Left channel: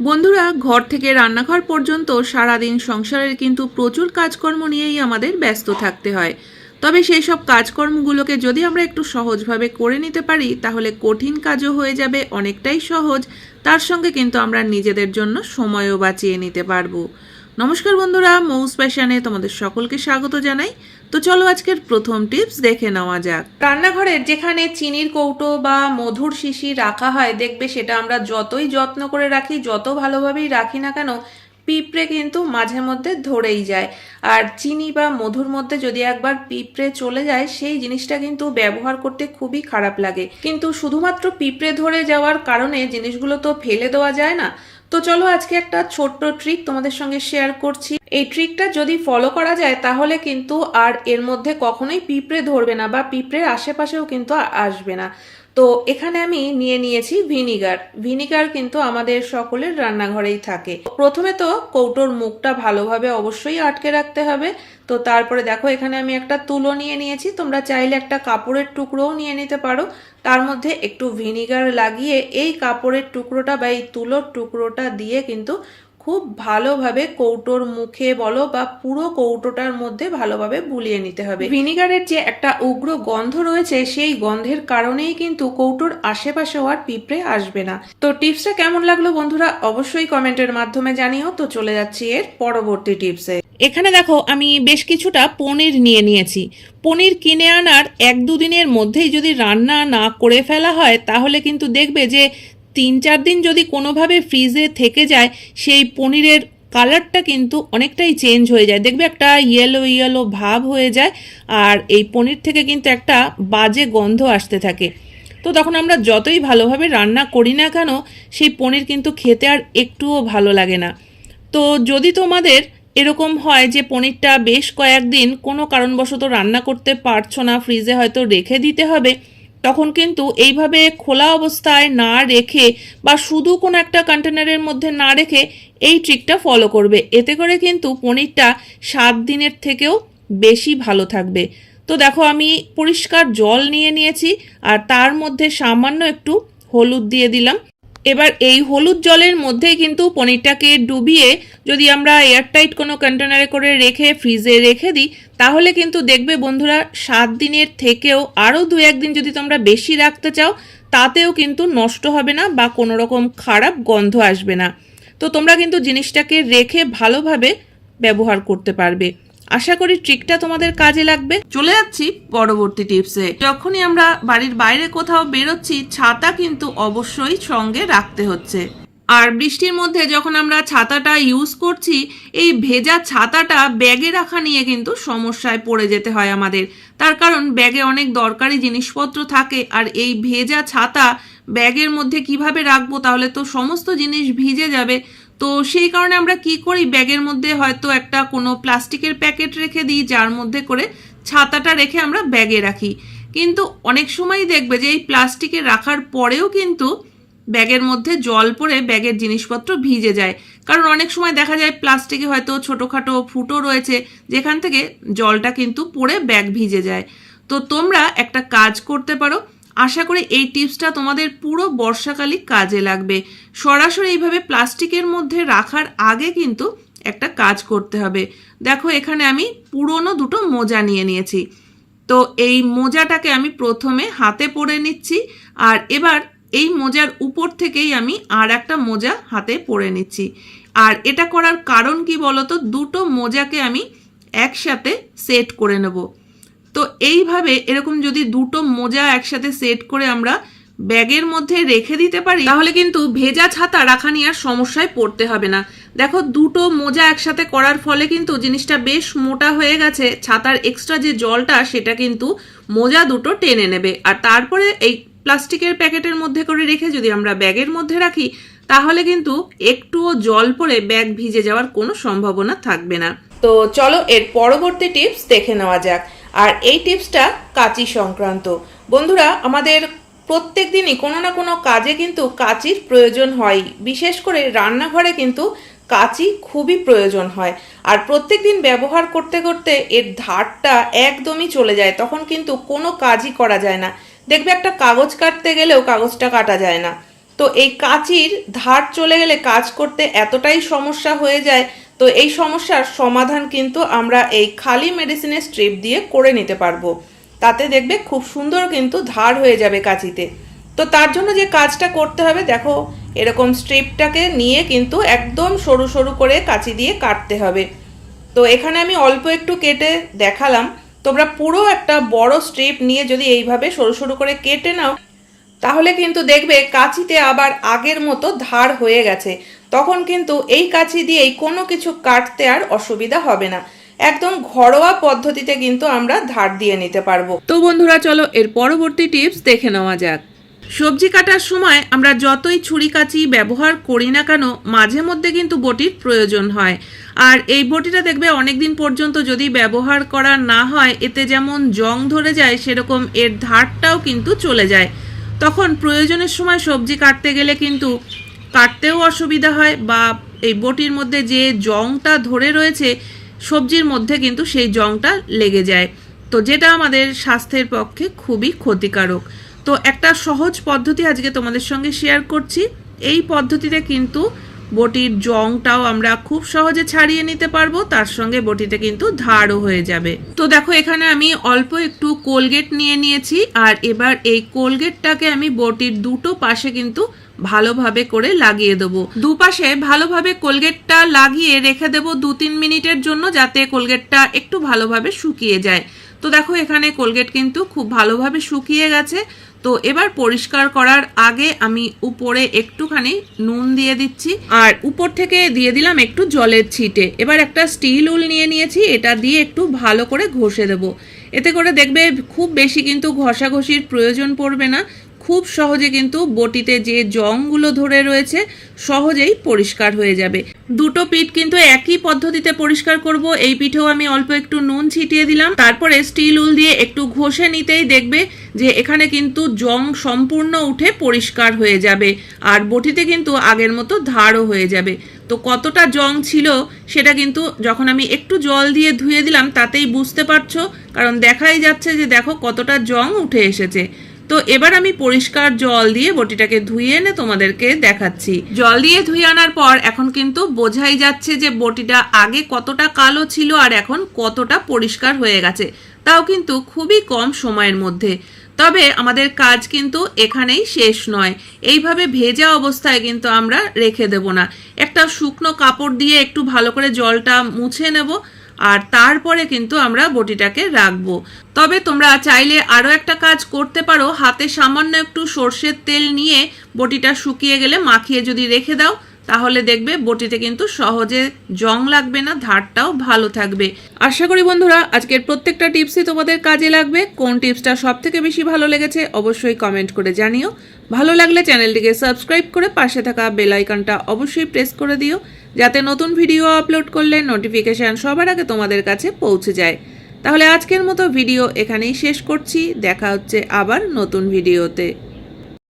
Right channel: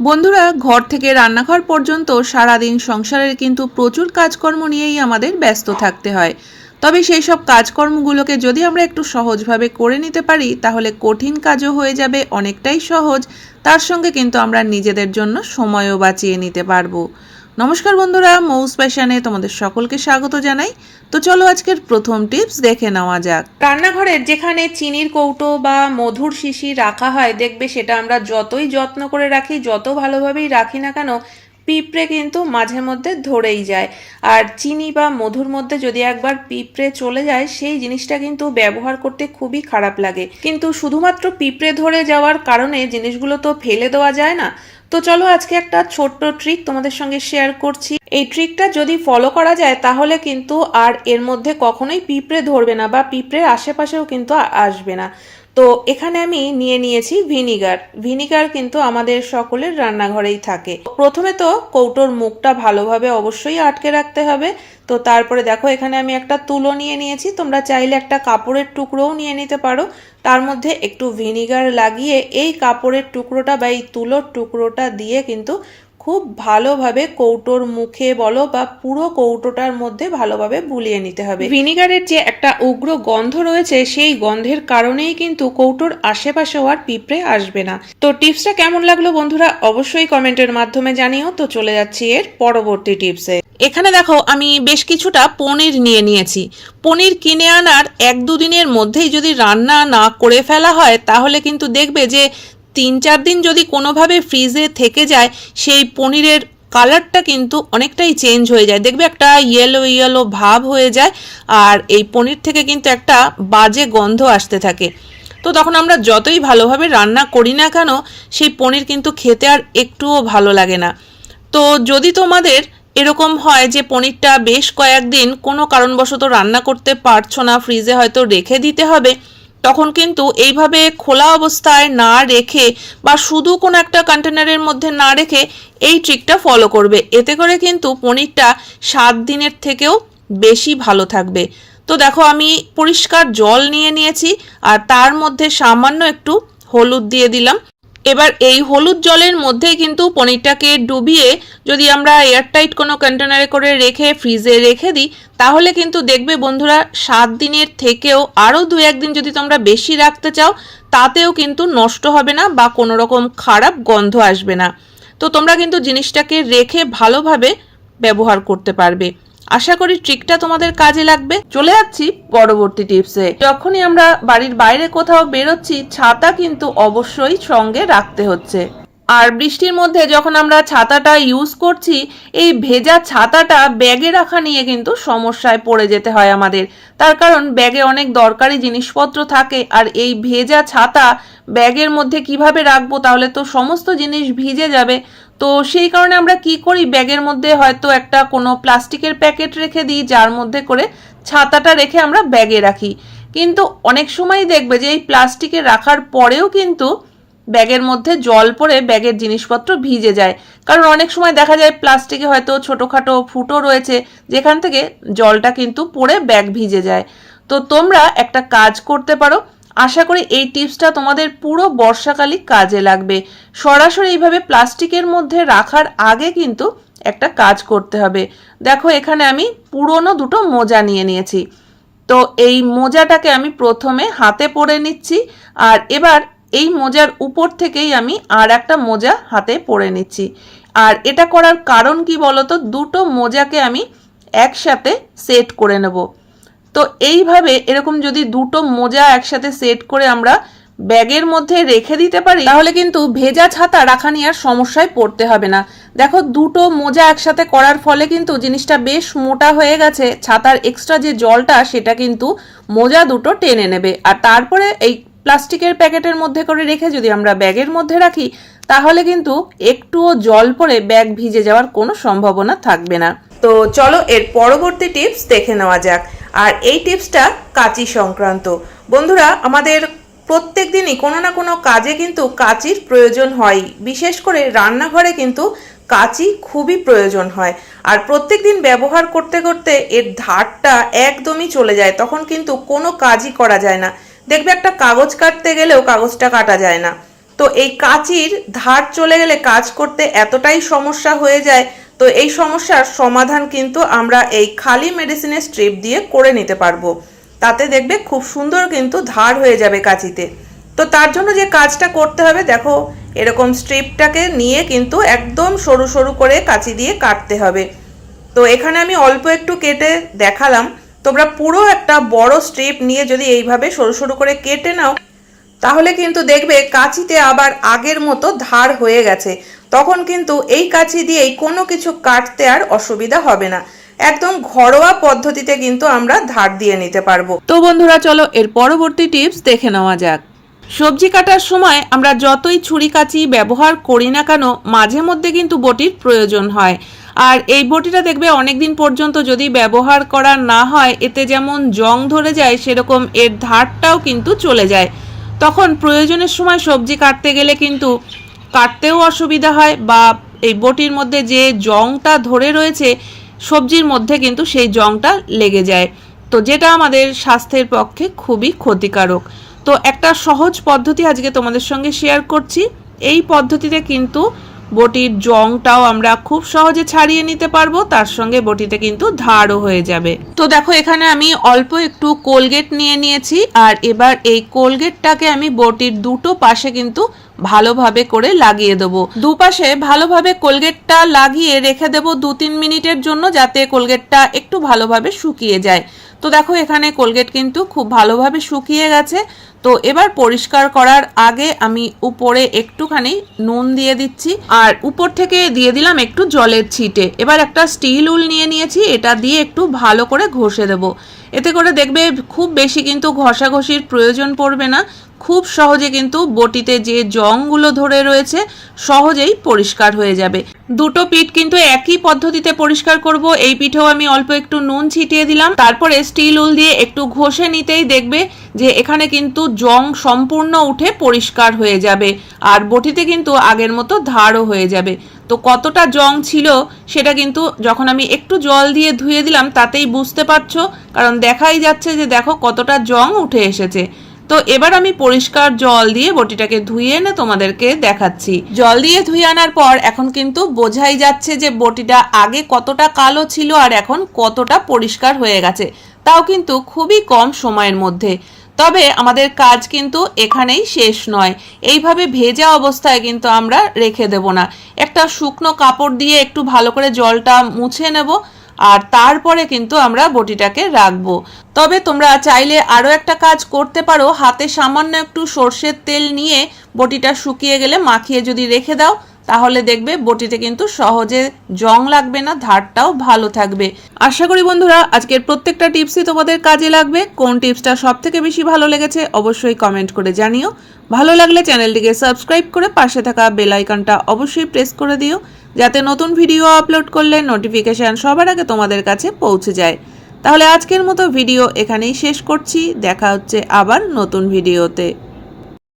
বন্ধুরা, ঘর থেকে রান্নাঘর পর্যন্ত সারাদিন সংসারের কিন্তু প্রচুর কাজকর্ম নিয়েই আমাদের ব্যস্ত থাকতে হয়। তবে সেই সব কাজকর্মগুলোকে যদি আমরা একটু সহজভাবে করে নিতে পারি, তাহলে কঠিন কাজও হয়ে যাবে, অনেকটাই সহজ। তার সঙ্গে কিন্তু আমরা নিজেদের জন্য সময়ও বাঁচিয়ে নিতে পারব। নমস্কার বন্ধুরা, মৌস প্যাশানে তোমাদের সকলকে স্বাগত জানাই। তো চলো আজকের প্রথম টিপস দেখে নেওয়া যাক। রান্নাঘরের যেখানে চিনির কৌটো বা মধুর শিশি রাখা হয়, দেখবে সেটা আমরা যতই যত্ন করে রাখি, যত ভালোভাবেই রাখি না কেন, পিঁপড়ে কিন্তু মাঝে মধ্যে ধরেই যায়। আর চিনি বা মধুর মধ্যে যদি একবার পিঁপড়ে চলে যায়, সেই জিনিসটা কিন্তু ব্যবহার করতে খুবই খারাপ লাগে। কিন্তু শুধুমাত্র পিঁপড়ে ধরে যাওয়ার কারণে জিনিসগুলো তো ফেলে দেওয়া যায় না তো চলো আজকে একটা ছোট্ট ট্রিক তোমাদের সঙ্গে শেয়ার করছি। এই ট্রিকটা যদি ফলো করা যায়, তাহলে কিন্তু আর এর মধ্যে কখনোই পিঁপড়ে ধরবে না বা পিঁপড়ের আশেপাশেও কিন্তু আসবে না। তো এখানে আমি নিয়ে নিয়েছি ভিনিগার। ভিনিগার কিন্তু আমাদের সকলের রান্নাঘরেই থাকে। প্রথমে তো কৌটোর মুখটা ভালোভাবে অবশ্যই আটকে রাখতে হবে। তো তারপরে দেখো, এখানে আমি একটা তুলো নিয়ে নিয়েছি। তোমরা চাইলে একটা কাপড়ের টুকরোও নিয়ে নিতে পারো। তার মধ্যে একটু ভিনিগার লাগিয়ে এই কাপড়ের টুকরোটা বা এই তুলোর টুকরোটা দিয়ে কিন্তু খুব ভালোভাবে কৌটোর মুখে বলো বা পুরো কৌটোটার মধ্যে ভালোভাবে বুলিয়ে নিতে হবে। ভিনিগারের যে একটা উগ্র গন্ধ রয়েছে, সেই গন্ধের কারণেই কিন্তু কৌটোর আশেপাশেও আর পিঁপড়ে আসবে না। তো টিপসটা কেমন লাগল বন্ধুরা? অবশ্যই কমেন্টের মাধ্যমে জানিও। তো চলে যাচ্ছি এর পরবর্তী টিপসে। এখানে দেখো, আমি বেশ কিছুটা পনির নিয়ে নিয়েছি। পনির কিনে আনার এক দুদিনের মধ্যেই যদি রান্না না করে ফেলা হয়, তাহলে কিন্তু দেখবে যে তিন চার দিন যদি কোনোভাবে ফ্রিজে থেকে যায়, সেই পনিরের কালারটা কিন্তু অনেকটাই চেঞ্জ হয়ে যায়। দেখবে একটা ইয়েলো ইয়েলো ভাব হয়ে যায় আর এই পনির থেকে কিন্তু একটা বাজে গন্ধ আসতে থাকে। তো তখন আমরা যতই ভালোভাবে রান্না করি না কেন, সেই পনির কিন্তু খেতে আর একটুও ভালো লাগে না। তো যদি তোমাদের এরকম হয় যে পনিরটা বেশ কয়েকদিন কোনো কারণবশত রান্না করতে পারছ না ফ্রিজে হয়তো রেখে দিতে হবে তখন কিন্তু এইভাবে খোলা অবস্থায় না রেখে বা শুধু কোনো একটা কন্টেনারের মধ্যে না রেখে এই ট্রিকটা ফলো করবে। এতে করে কিন্তু পনিরটা সাত দিনের থেকেও বেশি ভালো থাকবে। তো দেখো, আমি পরিষ্কার জল নিয়ে নিয়েছি আর তার মধ্যে সামান্য একটু হলুদ দিয়ে দিলাম। এবার এই হলুদ জলের মধ্যেই কিন্তু পনিরটাকে ডুবিয়ে যদি আমরা এয়ারটাইট কোনো কন্টেনারে করে রেখে, ফ্রিজে রেখে দিই, তাহলে কিন্তু দেখবে বন্ধুরা সাত দিনের থেকেও আরও দু একদিন যদি তোমরা বেশি রাখতে চাও, তাতেও কিন্তু নষ্ট হবে না বা কোনো রকম খারাপ গন্ধ আসবে না। তো তোমরা কিন্তু জিনিসটাকে রেখে ভালোভাবে ব্যবহার করতে পারবে। আশা করি ট্রিকটা তোমাদের কাজে লাগবে। চলে যাচ্ছি পরবর্তী টিপসে যখনই আমরা বাড়ির বাইরে কোথাও বেরোচ্ছি, ছাতা কিন্তু অবশ্যই সঙ্গে রাখতে হচ্ছে। আর বৃষ্টির মধ্যে যখন আমরা ছাতাটা ইউজ করছি, এই ভেজা ছাতাটা ব্যাগে রাখা নিয়ে কিন্তু সমস্যায় পড়ে যেতে হয় আমাদের। তার কারণ ব্যাগে অনেক দরকারি জিনিসপত্র থাকে, আর এই ভেজা ছাতা ব্যাগের মধ্যে কীভাবে রাখব তাহলে তো সমস্ত জিনিস ভিজে যাবে। তো সেই কারণে আমরা কি করি? ব্যাগের মধ্যে হয়তো একটা কোনো প্লাস্টিকের প্যাকেট রেখে দিই, যার মধ্যে করে ছাতাটা রেখে আমরা ব্যাগে রাখি। কিন্তু অনেক সময় দেখবে যে এই প্লাস্টিকে রাখার পরেও কিন্তু ব্যাগের মধ্যে জল পড়ে ব্যাগের জিনিসপত্র ভিজে যায়। কারণ অনেক সময় দেখা যায় প্লাস্টিকে হয়তো ছোটোখাটো ফুটো রয়েছে, যেখান থেকে জলটা কিন্তু পড়ে ব্যাগ ভিজে যায়। তো তোমরা একটা কাজ করতে পারো। আশা করি এই টিপসটা তোমাদের পুরো বর্ষাকালই কাজে লাগবে। সরাসরি এইভাবে প্লাস্টিকের মধ্যে রাখার আগে কিন্তু একটা কাজ করতে হবে। দেখো, এখানে আমি পুরনো দুটো মোজা নিয়ে নিয়েছি। তো এই মোজাটাকে আমি প্রথমে হাতে পরে নিচ্ছি আর এবার এই মোজার উপর থেকেই আমি আর একটা মোজা হাতে পরে নিচ্ছি। আর এটা করার কারণ কি বলতো? দুটো মোজাকে আমি একসাথে সেট করে নেব। তো এইভাবে এরকম যদি দুটো মোজা একসাথে সেট করে আমরা ব্যাগের মধ্যে রেখে দিতে পারি, তাহলে কিন্তু ভেজা ছাতা রাখা নিয়ে আর সমস্যায় পড়তে হবে না। দেখো, দুটো মোজা একসাথে করার ফলে কিন্তু জিনিসটা বেশ মোটা হয়ে গেছে। ছাতার এক্সট্রা যে জলটা, সেটা কিন্তু মোজা দুটো টেনে নেবে। আর তারপরে এই প্লাস্টিকের প্যাকেটের মধ্যে করে রেখে যদি আমরা ব্যাগের মধ্যে রাখি, তাহলে কিন্তু একটুও জল পড়ে ব্যাগ ভিজে যাওয়ার কোনো সম্ভাবনা থাকবে না। তো চলো, এর পরবর্তী টিপস দেখে নেওয়া যাক। আর এই টিপসটা কাঁচি সংক্রান্ত। বন্ধুরা, আমাদের প্রত্যেক দিনই কোনো না কোনো কাজে কিন্তু কাঁচির প্রয়োজন হয়। বিশেষ করে রান্নাঘরে কিন্তু কাঁচি খুবই প্রয়োজন হয়। আর প্রত্যেক দিন ব্যবহার করতে করতে এর ধারটা একদমই চলে যায়। তখন কিন্তু কোনো কাজই করা যায় না। দেখবে একটা কাগজ কাটতে গেলেও কাগজটা কাটা যায় না। তো এই কাঁচির ধার চলে গেলে কাজ করতে এতটাই সমস্যা হয়ে যায় তো এই সমস্যার সমাধান কিন্তু আমরা এই খালি মেডিসিনের স্ট্রিপ দিয়ে করে নিতে পারব। তাতে দেখবে খুব সুন্দর কিন্তু ধার হয়ে যাবে কাঁচিতে। তো তার জন্য যে কাজটা করতে হবে, দেখো, এরকম স্ট্রিপটাকে নিয়ে কিন্তু একদম সরু সরু করে কাঁচি দিয়ে কাটতে হবে। তো এখানে আমি অল্প একটু কেটে দেখালাম। তোমরা পুরো একটা বড় স্ট্রিপ নিয়ে যদি এইভাবে সরু সরু করে কেটে নাও, তাহলে কিন্তু দেখবে কাঁচিতে আবার আগের মতো ধার হয়ে গেছে। তখন কিন্তু এই কাঁচি দিয়েই কোনো কিছু কাটতে আর অসুবিধা হবে না। একদম ঘরোয়া পদ্ধতিতে কিন্তু আমরা ধার দিয়ে নিতে পারব। তো বন্ধুরা, চলো এর পরবর্তী টিপস দেখে নেওয়া যাক। সবজি কাটার সময় আমরা যতই ছুরি কাঁচি ব্যবহার করি না কেন, মাঝে মধ্যে কিন্তু বটির প্রয়োজন হয়। আর এই বটিটা দেখবে অনেক দিন পর্যন্ত যদি ব্যবহার করা না হয়, এতে যেমন জং ধরে যায়, সেরকম এর ধারটাও কিন্তু চলে যায়। তখন প্রয়োজনের সময় সবজি কাটতে গেলে কিন্তু কাটতেও অসুবিধা হয় বা এই বটির মধ্যে যে জংটা ধরে রয়েছে, সবজির মধ্যে কিন্তু সেই জংটা লেগে যায়। তো যেটা আমাদের স্বাস্থ্যের পক্ষে খুবই ক্ষতিকারক। তো একটা সহজ পদ্ধতি আজকে তোমাদের সঙ্গে শেয়ার করছি। এই পদ্ধতিতে কিন্তু বটির জংটাও আমরা খুব সহজে ছাড়িয়ে নিতে পারব, তার সঙ্গে বটিতে কিন্তু ধারও হয়ে যাবে। তো দেখো, এখানে আমি অল্প একটু কোলগেট নিয়ে নিয়েছি, আর এবার এই কোলগেটটাকে আমি বটির দুটো পাশে কিন্তু ভালোভাবে করে লাগিয়ে দেবো। দুপাশে ভালোভাবে কোলগেটটা লাগিয়ে রেখে দেবো দু তিন মিনিটের জন্য যাতে কোলগেটটা একটু ভালোভাবে শুকিয়ে যায়। তো দেখো এখানে কোলগেট কিন্তু খুব ভালোভাবে শুকিয়ে গেছে। তো এবার পরিষ্কার করার আগে আমি উপরে একটুখানি নুন দিয়ে দিচ্ছি। আর উপর থেকে দিয়ে দিলাম একটু জলের ছিটে। এবার একটা স্টিল উল নিয়ে নিয়েছি, এটা দিয়ে একটু ভালো করে ঘষে দেবো। এতে করে দেখবে খুব বেশি কিন্তু ঘষাঘষির প্রয়োজন পড়বে না। খুব সহজে কিন্তু বটিতে যে জংগুলো ধরে রয়েছে, সহজেই পরিষ্কার হয়ে যাবে। দুটো পিঠ কিন্তু একই পদ্ধতিতে পরিষ্কার করব। এই পিঠেও আমি অল্প একটু নুন ছিটিয়ে দিলাম। তারপরে স্টিল উল দিয়ে একটু ঘষে নিতেই দেখবে যে এখানে কিন্তু জং সম্পূর্ণ উঠে পরিষ্কার হয়ে যাবে। আর বটিতে কিন্তু আগের মতো ধারও হয়ে যাবে। তো কতটা জং ছিল সেটা কিন্তু যখন আমি একটু জল দিয়ে ধুয়ে দিলাম, তাতেই বুঝতে পারছ। কারণ দেখাই যাচ্ছে যে দেখো কতটা জং উঠে এসেছে। তো এবার আমি পরিষ্কার জল দিয়ে বটিটাকে ধুয়ে এনে তোমাদেরকে দেখাচ্ছি। জল দিয়ে ধুয়ে আনার পর এখন কিন্তু বোঝাই যাচ্ছে যে বটিটা আগে কতটা কালো ছিল আর এখন কতটা পরিষ্কার হয়ে গেছে। তাও কিন্তু খুবই কম সময়ের মধ্যে। তবে আমাদের কাজ কিন্তু এখানেই শেষ নয়। এইভাবে ভেজা অবস্থায় কিন্তু আমরা রেখে দেব না। একটা শুকনো কাপড় দিয়ে একটু ভালো করে জলটা মুছে নেব, আর তারপরে কিন্তু আমরা বটিটাকে রাখব। তবে তোমরা চাইলে আরও একটা কাজ করতে পারো, হাতে সামান্য একটু সর্ষের তেল নিয়ে বটিটা শুকিয়ে গেলে মাখিয়ে যদি রেখে দাও তাহলে দেখবে বটিতে কিন্তু সহজে জং লাগবে না, ধারটাও ভালো থাকবে। আশা করি বন্ধুরা, আজকের প্রত্যেকটা টিপসই তোমাদের কাজে লাগবে। কোন টিপসটা সব থেকে বেশি ভালো লেগেছে অবশ্যই কমেন্ট করে জানিও। ভালো লাগলে চ্যানেলটিকে সাবস্ক্রাইব করে পাশে থাকা বেল আইকনটা অবশ্যই প্রেস করে দিও, যাতে নতুন ভিডিও আপলোড করলে নোটিফিকেশান সবার আগে তোমাদের কাছে পৌঁছে যায়। তাহলে আজকের মতো ভিডিও এখানেই শেষ করছি। দেখা হচ্ছে আবার নতুন ভিডিওতে